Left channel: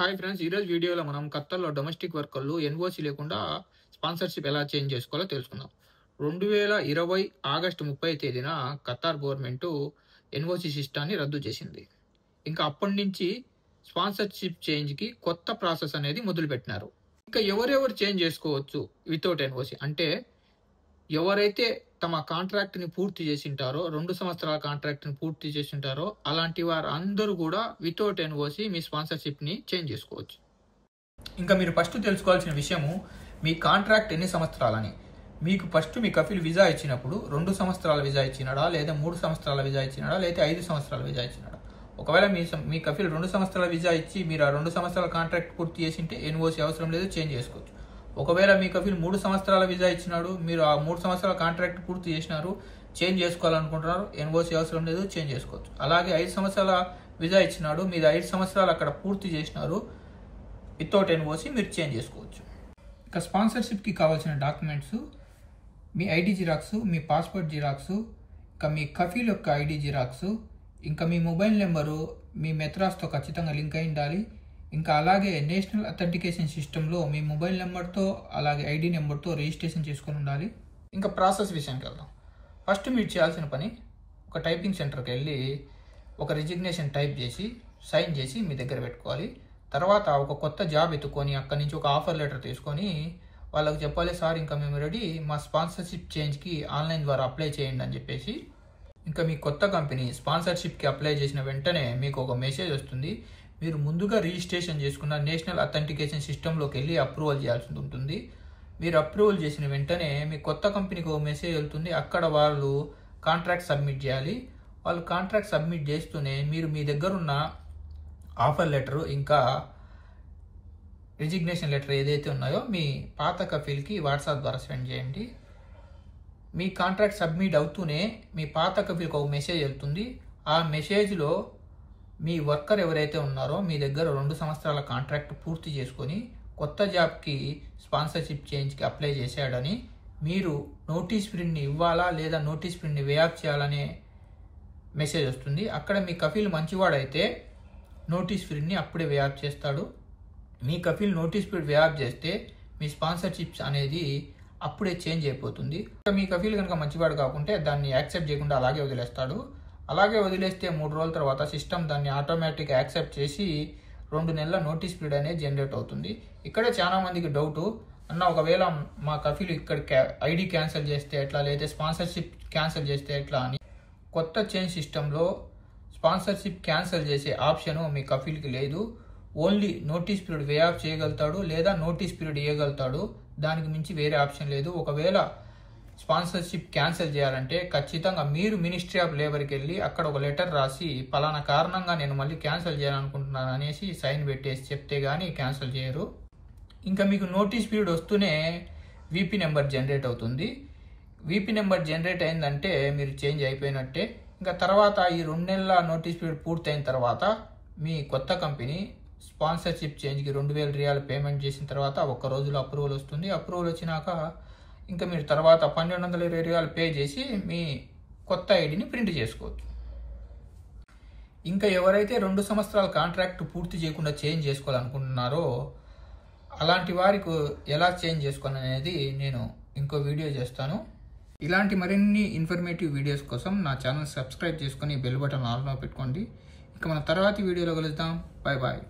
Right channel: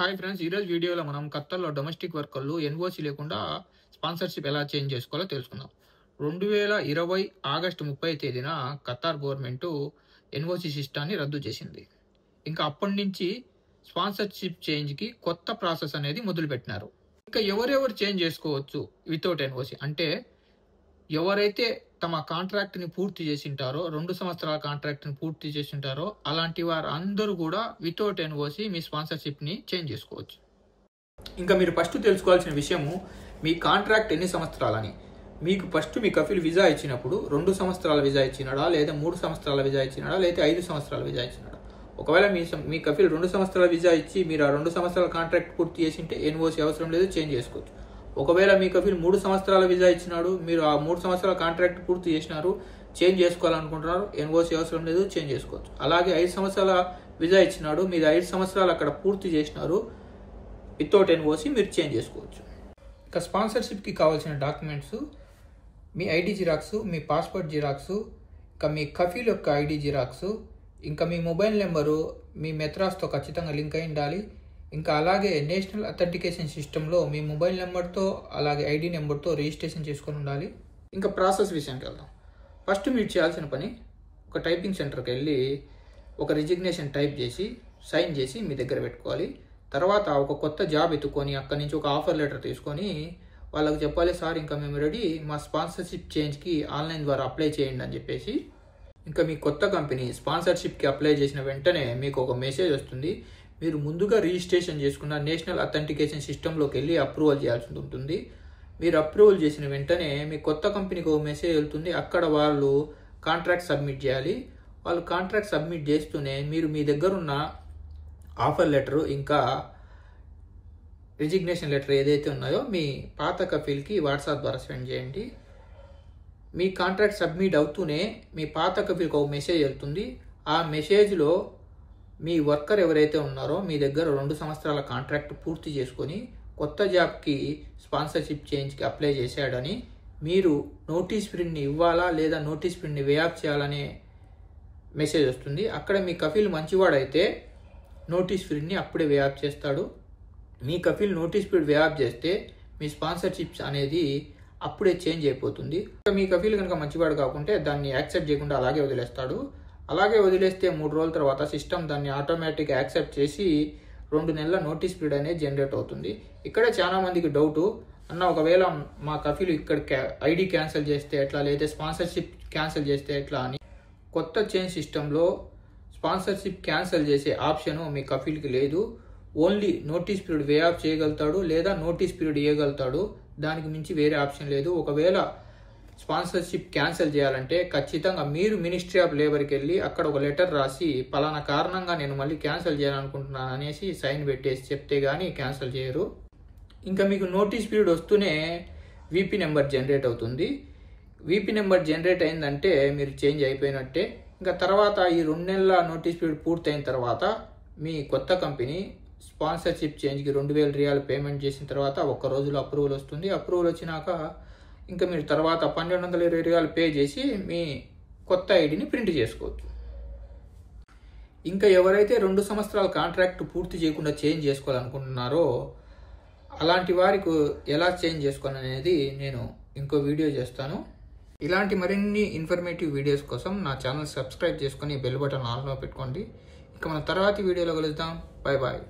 Hi friends, ఈరోజు వీడియోలో మనం ఖత్తర్‌లో డొమెస్టిక్ వర్కర్లు ఎన్ఓసీ లేకుండా స్పాన్సర్‌షిప్ ఎలా చేంజ్ చేసుకోవాలో తెలుసుకుందాం. 2020 ఆగస్టు 30 తేదీన ఖతార్ గవర్నమెంట్ ఎన్ఓసీ సిస్టాన్ని రద్దు చేసింది. ఇంకా అప్పటి నుంచి స్పాన్సర్‌షిప్ చేంజ్‌కి కొత్త ప్రాసెస్ అనేది మొదలుపెట్టినారు. ఇంకా ఎవరెవరు చేంజ్ చేసుకోవచ్చు వితౌట్ ఎన్ఓసీ అంటే ఎవరైతే తమ కాంట్రాక్ట్‌ని పూర్తి చేసింటారో 2 సంవత్సరాల కాంట్రాక్ట్‌ని పూర్తి చేసింటారో అలాంటి వారందరూ కూడా వితౌట్ ఎన్ఓసీ మీ స్పాన్సర్‌షిప్‌ని చేంజ్ చేసుకోవచ్చు. ఇంకా మీరు ఫస్ట్ తెలుసుకోవాల్సిన విషయము మీ కాంట్రాక్ట్ ఎన్ని సంవత్సరాలని. మీకు ఫస్ట్ మీ కఫీల్ వీసా ఇచ్చినప్పుడు 2 సంవత్సరాల వీసా ఇచ్చినాడా, లేదా 3 సంవత్సరాల వీసా ఇచ్చినాడా, లేదా 5 సంవత్సరాల వీసా ఇచ్చినాడా. ఒకవేళ మీ కఫీల్ 2 సంవత్సరాల వీసా ఇచ్చి మీరు ఆ 2 సంవత్సరాల కాంట్రాక్ట్ పూర్తి చేసింటే ఎన్ఓసీ అవసరం లేదు, చేంజ్ చేసుకోవచ్చు. ఒకవేళ మీ కఫీల్ 3 సంవత్సరాల వీసా ఇచ్చినాడు, మీరు ఆ 3 సంవత్సరాల కాంట్రాక్ట్ పూర్తి చేసినారు, చేంజ్ చేసుకోవాలనుకుంటున్నారు, ఎన్ఓసీ అవసరం లేదు, చేంజ్ చేసుకోవచ్చు. అలాగే 5 సంవత్సరాల వీసా ఇచ్చినాడు, మీరు 5 సంవత్సరాలు అక్కడ పూర్తి చేసినారు, వితౌట్ ఎన్ఓసీ మీరు చేంజ్ చేసుకోవచ్చు. ఇంకా స్పాన్సర్షిప్కి కావాల్సిన డాక్యుమెంట్స్ మీ ఐడి జిరాక్స్, మీ పాస్పోర్ట్ జిరాక్స్, ఇంకా మీ కఫీల్ యొక్క ఐడి జిరాక్స్, ఇంకా మీ మొబైల్ నెంబరు మీ మెత్రాస్తో ఖచ్చితంగా లింక్ అయి ఉండాలి. ఇంకా అలాగే నేషనల్ అథెంటికేషన్ సిస్టంలో మీ మొబైల్ నెంబర్తో అలాగే ఐడి నెంబర్తో రిజిస్ట్రేషన్ చేసుకొని ఉండాలి. ఇంకా ప్రాసెస్ విషయానికి వెళ్దాం. ఫస్ట్ మీరు చేయాల్సిన పని ఒక టైపింగ్ సెంటర్కి వెళ్ళి ఒక రిజిగ్నేషన్ టైప్ చేసి సైన్ చేసి మీ దగ్గర పెట్టుకోవాలి. తర్వాత ఒక కొత్త జాబ్ ఎత్తుకొని అక్కడి నుంచి ఒక ఆఫర్ లెటర్ తీసుకొని వాళ్ళకి చెప్పాలి, సార్ ఇంకా మేము రెడీ, మా స్పాన్సర్షిప్ చేంజ్కి ఆన్లైన్ ద్వారా అప్లై చేయండి అని చెప్పేసి. ఇంకా మీ కొత్త కంపెనీ స్పాన్సర్షిప్కి అప్లై చేసిన వెంటనే మీకు ఒక మెసేజ్ వస్తుంది. మీరు ముందుగా రిజిస్ట్రేషన్ చేసుకున్న నేషనల్ అథెంటికేషన్ సిస్టంలోకి వెళ్ళి అప్రూవల్ చేయాల్సి ఉంటుంది. మీరు అప్రూవల్ చేసిన వెంటనే మీ కొత్త కంపెనీకి ఒక మెసేజ్ వెళ్తుంది. అక్కడ వాళ్ళు కాంట్రాక్ట్ సబ్మిట్ చేయాలి. వాళ్ళు కాంట్రాక్ట్ సబ్మిట్ చేస్తూనే మీరు మీ దగ్గర ఉన్న ఆఫర్ లెటరు ఇంకా రిజిగ్నేషన్ లెటర్ ఏదైతే ఉన్నాయో మీ పాత కఫీల్కి వాట్సాప్ ద్వారా సెండ్ చేయండి. మీ కాంట్రాక్ట్ సబ్మిట్ అవుతూనే మీ పాత కఫీల్కి ఒక మెసేజ్ వెళ్తుంది. ఆ మెసేజ్లో మీ వర్కర్ ఎవరైతే ఉన్నారో మీ దగ్గర 2 సంవత్సరాల కాంట్రాక్ట్ పూర్తి చేసుకొని కొత్త జాబ్కి స్పాన్సర్షిప్ చేంజ్కి అప్లై చేశాడని, మీరు నోటీస్ ప్రింట్ని ఇవ్వాలా లేదా నోటీస్ ప్రింట్ని వే ఆఫ్ చేయాలనే మెసేజ్ వస్తుంది. అక్కడ మీ కఫీల్ మంచివాడైతే నోటీస్ ప్రింట్ని అప్పుడే వే ఆఫ్ చేస్తాడు. మీ Kafeel notice print way of చేస్తే మీ స్పాన్సర్షిప్స్ అనేది అప్పుడే చేంజ్ అయిపోతుంది. మీ కఫీల్ కనుక మంచివాడు కాకుంటే దాన్ని యాక్సెప్ట్ చేయకుండా అలాగే వదిలేస్తాడు. అలాగే వదిలేస్తే 3 రోజుల తర్వాత సిస్టమ్ దాన్ని ఆటోమేటిక్గా యాక్సెప్ట్ చేసి 2 నెలల నోటీస్ పీరియడ్ అనేది జనరేట్ అవుతుంది. ఇక్కడే చాలా మందికి డౌటు, అన్న ఒకవేళ మా కఫీలు ఇక్కడ ఐడి క్యాన్సిల్ చేస్తే ఎట్లా, లేదా స్పాన్సర్షిప్ క్యాన్సిల్ చేస్తే ఎట్లా అని. కొత్త చేంజ్ సిస్టంలో స్పాన్సర్షిప్ క్యాన్సిల్ చేసే ఆప్షను మీ కఫీల్కి లేదు. Only notice period way of చేయగలుగుతాడు లేదా నోటీస్ పీరియడ్ ఇవ్వగలుగుతాడు. దానికి మించి వేరే ఆప్షన్ లేదు. ఒకవేళ స్పాన్సర్షిప్ క్యాన్సిల్ చేయాలంటే ఖచ్చితంగా మీరు మినిస్ట్రీ ఆఫ్ లేబర్కి వెళ్ళి అక్కడ ఒక లెటర్ రాసి పలానా కారణంగా నేను మళ్ళీ క్యాన్సిల్ చేయాలనుకుంటున్నాను అనేసి సైన్ పెట్టేసి చెప్తే కానీ క్యాన్సిల్ చేయరు. ఇంకా మీకు నోటీస్ పీరియడ్ వస్తూనే వీపీ నెంబర్ జనరేట్ అవుతుంది. వీపీ నెంబర్ జనరేట్ అయిందంటే మీరు చేంజ్ అయిపోయినట్టే. ఇంకా తర్వాత ఈ 2 నెలల నోటీస్ పీరియడ్ పూర్తయిన తర్వాత మీ కొత్త కంపెనీ స్పాన్సర్షిప్ చేంజ్కి 2000 రియాలు పేమెంట్ చేసిన తర్వాత 1 రోజులో అప్రూవల్ వస్తుంది. అప్రూవల్ వచ్చినాక ఇంకా మీరు తర్వాత 1220 రియాలు పే చేసి మీ కొత్త ఐడిని ప్రింట్ చేసుకోవచ్చు. ఇంకా ఎవరైతే 2 సంవత్సరాల కాంట్రాక్ట్ పూర్తి చేయకుండా చేంజ్ చేసుకోవాలనుకుంటున్నారో అలాంటి వారికి ఎలా చేంజ్ చేసుకోవాలనేది నేను ఇంకో వీడియో చేస్తాను. ఇలాంటి మరిన్ని ఇన్ఫర్మేటివ్ వీడియోస్ కోసం నా ఛానల్ సబ్స్క్రైబ్ చేసుకొని బెల్ బటన్ ఆన్లో పెట్టుకోండి. ఇంకా మన తర్వాతి వీడియోలో కలుద్దాం. Bye bye.